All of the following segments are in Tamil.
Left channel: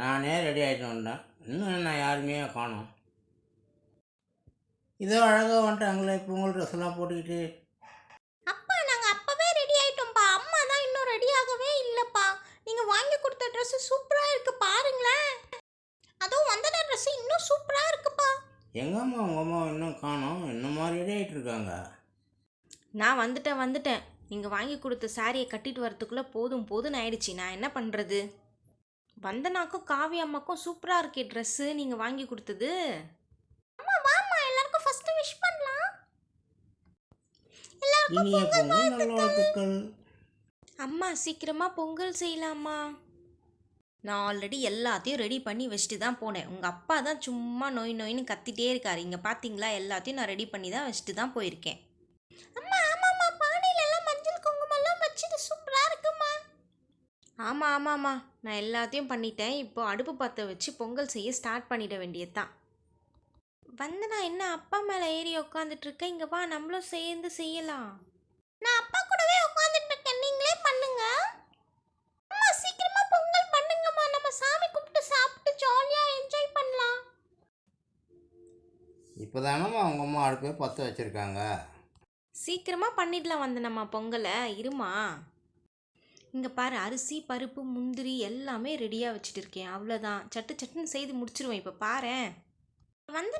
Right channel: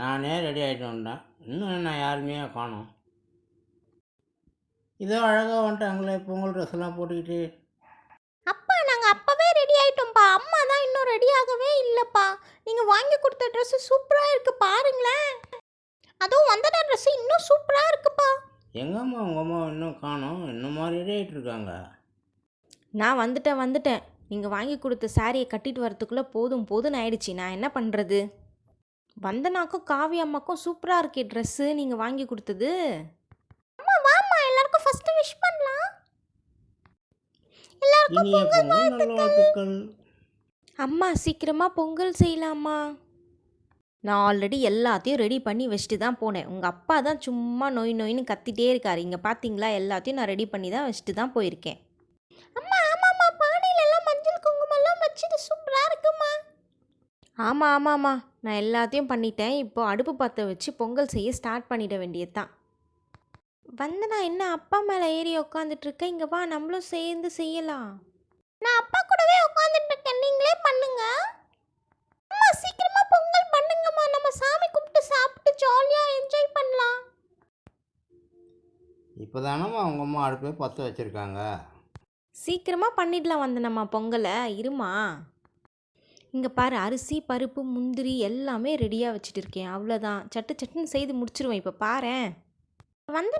நானே ரெடி ஆகிட்டு வந்தேன். இன்னும் என்ன யாருமே காணோம். இதோ அழகாக வந்துட்டாங்களே பொங்கல் ட்ரெஸ்லாம் போட்டுக்கிட்டு. அப்பா நாங்கள் அப்போவே ரெடி ஆகிட்டோம்ப்பா. அம்மா தான் இன்னும் ரெடி ஆகவே இல்லைப்பா. நீங்கள் வாங்கி கொடுத்த ட்ரெஸ்ஸு சூப்பராக இருக்குது பாருங்களேன். அதுவும் வந்தனா ட்ரெஸ்ஸு இன்னும் சூப்பராக இருக்குப்பா. எங்கம்மா உங்கள் அம்மா இன்னும் காணோம்? இன்னுமா ரெடி ஆகிட்டு இருக்காங்க? நான் வந்துட்டேன். நீங்கள் வாங்கி கொடுத்த சாரியை கட்டிட்டு வரத்துக்குள்ளே போதும்னு ஆயிடுச்சு. நான் என்ன பண்ணுறது? வந்தனாக்கும் காவி அம்மாக்கும் சூப்பராக இருக்கே ட்ரெஸ்ஸு நீங்கள் வாங்கி கொடுத்தது. அம்மா வாம்மா எல்லாருக்கும் ஃபஸ்ட்டு விஷ் பண்ணலாம். இனிய பொங்கல் நல்வாழ்த்துக்கள். அம்மா சீக்கிரமாக பொங்கல் செய்யலாமா? நான் ஆல்ரெடி எல்லாத்தையும் ரெடி பண்ணி வச்சுட்டு தான் போனேன். உங்கள் அப்பா தான் சும்மா நொயின்னு கத்திட்டே இருக்கார். இங்கே பார்த்தீங்களா, எல்லாத்தையும் நான் ரெடி பண்ணி தான் வச்சுட்டு தான் போயிருக்கேன். அம்மா ஆமாம்மா, பானையில எல்லாம் மஞ்சள் குங்குமம்லாம் வச்சுட்டு சூப்பராக இருக்குமா. ஆமாம் நான் எல்லாத்தையும் பண்ணிட்டேன். இப்போ அடுப்பு பற்ற வச்சு பொங்கல் செய்ய ஸ்டார்ட் பண்ணிட வேண்டியது தான். நான் என்ன அப்பா மேலே ஏறி உக்காந்துட்ருக்கேன். இங்கே வா, நம்மளும் சேர்ந்து செய்யலாம். நான் அப்பா கூடவே உட்காந்துட்டு இருக்கேன், நீங்களே பண்ணுங்க. அம்மா சீக்கிரமா பொங்கல் பண்ணுங்கம்மா, நம்ம சாமி கும்பிட்டு சாப்பிட்டு ஜாலியாக என்ஜாய் பண்ணலாம். இப்போ தானம்மா உங்கள் அம்மா அடுப்பே பற்ற வச்சுருக்காங்க. சீக்கிரமாக பண்ணிடலாம் வந்தனம்மா பொங்கலை. இருமா. இங்கே பாரு, அரிசி பருப்பு முந்திரி எல்லாமே ரெடியாக வச்சுட்டு இருக்கேன். அவ்வளோதான், சட்டுன்னு செய்து முடிச்சிருவேன். இப்போ பாரேன்.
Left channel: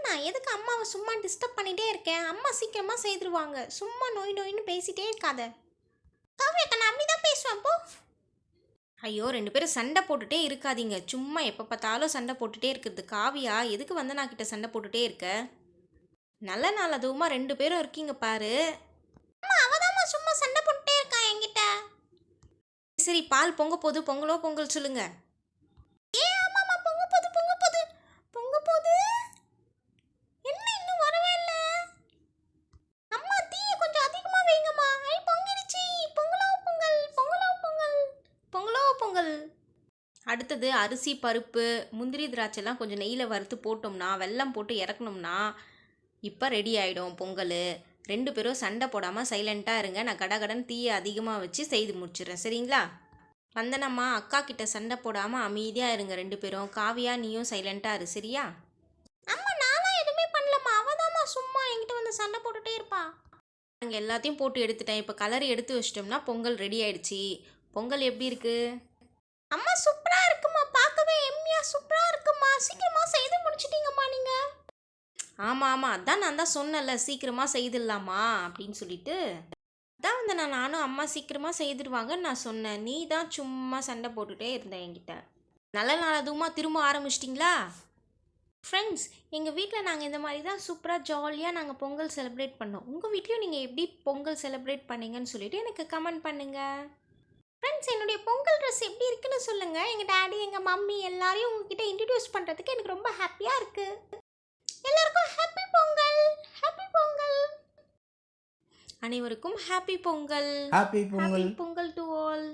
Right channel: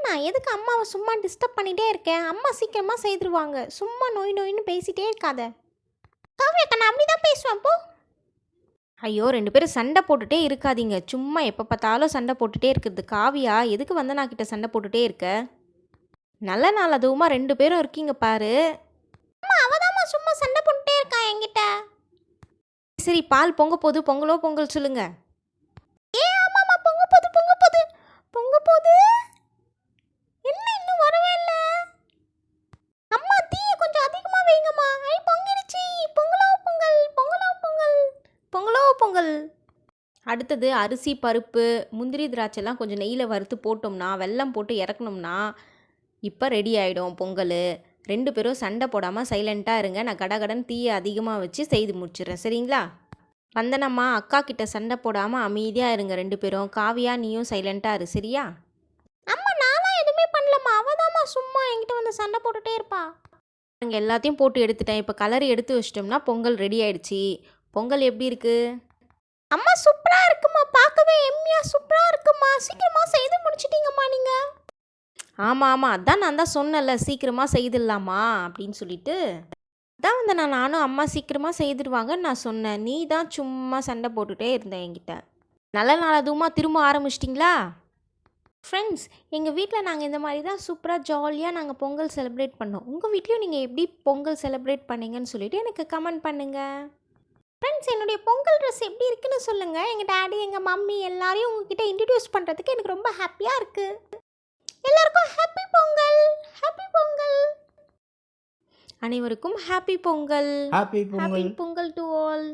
நான் எதுக்கு அம்மாவை சும்மா டிஸ்டர்ப் பண்ணிகிட்டே இருக்கேன்? அம்மா சீக்கிரமாக செய்துருவாங்க. சும்மா நொயின்னு பேசிகிட்டே இருக்காத. காவியக்கா நான் அப்படி தான் பேசுவேன் போ. ஐயோ, 2 பேரும் சண்டை போட்டுகிட்டே இருக்காதீங்க. சும்மா எப்போ பார்த்தாலும் சண்டை போட்டுகிட்டே இருக்கிறது. காவியா, எதுக்கு வந்தனா கிட்ட சண்டை போட்டுகிட்டே இருக்க? நல்ல நாள் அதுவுமா 2 பேரும் இருக்கீங்க பாரு. அம்மா அவதாம்மா சும்மா சண்டை போட்டுட்டே இருக்கா என்கிட்ட. சரி, பால் பொங்க போது, பொங்கல் சொல்லுங்க. ஆமாம்மா பொங்க போது என்ன இன்னும் வரவே இல்லை? அம்மா தீயை கொஞ்சம் அதிகமாக வைங்கம்மா. பொங்கிடுச்சு. பொங்கல். அடுத்தது அரிசி பருப்பு முந்திரி திராட்சைலாம் கொஞ்சம் நெய்யில் வறுத்து போட்டோம்னா, வெல்லம் போட்டு இறக்கணும்னா இப்போ ரெடி ஆகிடும் பொங்கல். 2 பேரும் சண்டை போடாமல் சைலண்ட்டாக இருங்க. நான் கடகடன் தீயை அதிகமாக வச்சு செய்து முடிச்சிடுறேன், சரிங்களா? வந்தனம்மா, அக்கா கிட்ட சண்டை போடாமல் அமைதியாக இருங்க 2 பேரும். காவியா, நீயும் சைலண்ட்டாக இரு, சரியா? அம்மா நான்லாம் எதுவுமே பண்ணலம்மா, அவதாம்மா சும்மா என்கிட்ட வந்து சண்டை போட்டுட்டே இருப்பா. நாங்கள் எல்லாத்தையும் போட்டு எடுத்துட்டேன். இப்போ கலர் எடுத்து வச்சிட்டோம்னா பொங்கல் ரெடி ஆயிடுச்சு. பொங்கல் எப்படி இருக்கு? அம்மா சூப்பராக இருக்குமா, பார்க்கவே எம்மியாக சூப்பராக இருக்குமா. சீக்கிரமாக செய்து முடிச்சிட்டீங்கம்மா நீங்கள். ஆமாம், அதான் நான் தான் சொன்னேன்ல, சீக்கிரமாக செய்திடலாமா அப்படின்னு சொல்லிட்டு. அதான் நானும் அம்மா சீக்கிரமாக செய்துடுவாங்கன்னு நான் சொன்னேன். நீ தான் சும்மா சண்டை போட்டுகிட்டே இருந்தேன் என்கிட்ட. நல்ல நாள் அதுவுமா திரும்ப ஆரம்பிச்சிட்டிங்களா? ஃப்ரெண்ட்ஸ், எங்கள் வீட்டில் நாங்கள் இந்த மாதிரி தான் சூப்பராக ஜாலியாக நாங்கள் பொங்கல் செலிப்ரேட் பண்ணோம். உங்கள் வீட்லேயும் நீங்கள் எப்படி பொங்கல் செலிப்ரேட் பண்ணீங்கன்னு சொல்லிவிட்டு எனக்கு கமெண்ட் பண்ணுங்கள். ஃப்ரெண்ட்ஸ், என்னுடைய பொங்கல் ட்ரெஸ் எப்படி இருக்குன்னு சொல்லுங்கள். எங்கள் டேடி எங்கள் மம்மி எல்லாரையும் உங்ககிட்ட இன்ட்ரடியூஸ் பண்ணுறதுக்கு எனக்கு ரொம்ப ஹாப்பியாக இருக்குது. எல்லாருக்கும் ஹாப்பி பொங்கல். அனைவருக்கும் happy Pongal. Happy Pongal. Pongal to all.